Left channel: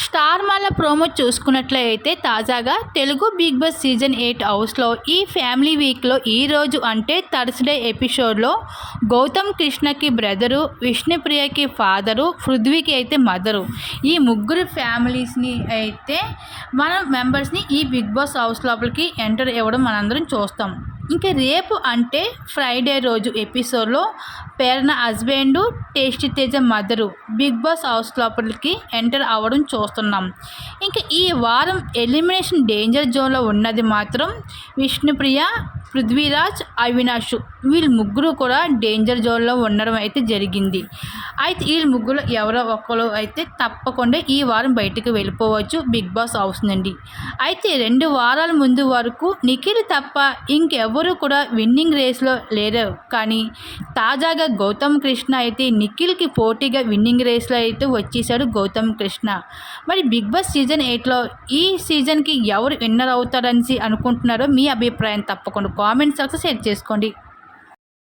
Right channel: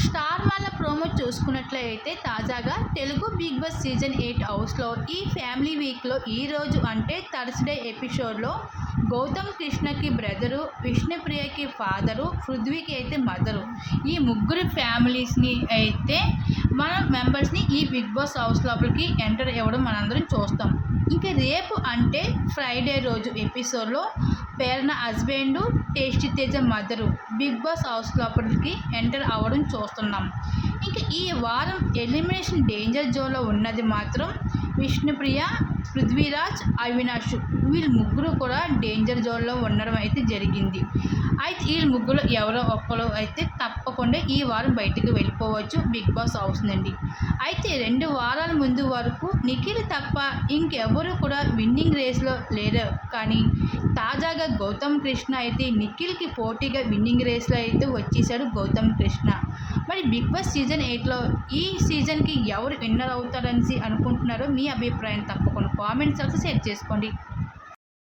Star మాల promo చూసుకున్నట్లయితే తాజాగా Telugu big boss season 8 హౌస్లో ఈ ఫ్యామిలీ వీక్లో ఈరోజు అంటే థర్స్డే ఎపిసోడ్లో గౌతమ్ కృష్ణకి బ్రదరు, విష్ణుప్రియకి ఫాదరు, పృథ్వీకి అయితే మదరు, ఈ ముగ్గురు ఫ్యామిలీస్ని అయితే మన మెంబర్స్ని ఈ బిగ్ బాస్ హౌస్ లోపలికి ఎంటర్ ఇవ్వడం మనందరం చూస్తాం. ఇంకా రేపు అంటే ఫ్రైడే రోజు ఎపిసోడ్లో పేరున husband, tasty Teja mother Bigg Boss house లోపలికి ఎంటర్ అవ్వడం చూస్తున్నాం. ఇంకా ఈ వారం ఎలిమినేషన్ డేంజర్ జోన్లో ఉన్నది మాత్రం విష్ణుప్రియ, పృథ్వీరాజ్, అవినాష్, వీళ్ళు ముగ్గురు కూడా డేంజర్ జోన్లో ఉండడం అయితే జరిగింది. అయితే వీళ్ళు ముగ్గురు ఎవరో ఒకరు అయితే తప్పకుండా ఈ వారం బయటకు వెళ్ళిపోవచ్చు బిగ్ బాస్ హౌస్ నుండి. అయితే 2 వారాల ముందు వరకు నిఖిల్ తప్ప ఇంకెవరు కూడా విన్నింగ్ రేస్లో లేరు. కానీ తాజాగా గౌతమ్ కృష్ణ అయితే నిఖిల్కి పోటీగా విన్నింగ్ రేస్లో అయితే వచ్చేసాడు గౌతమ్ కృష్ణ. మరి బిగ్ బాస్ సీజన్ 8లో ఈ సీజన్కి ఎవరు విన్నర్ అవుతారని అనుకుంటున్నారో మీ అభిప్రాయం తప్పకుండా కామెంట్ సెక్షన్లో షేర్ చేసుకోండి.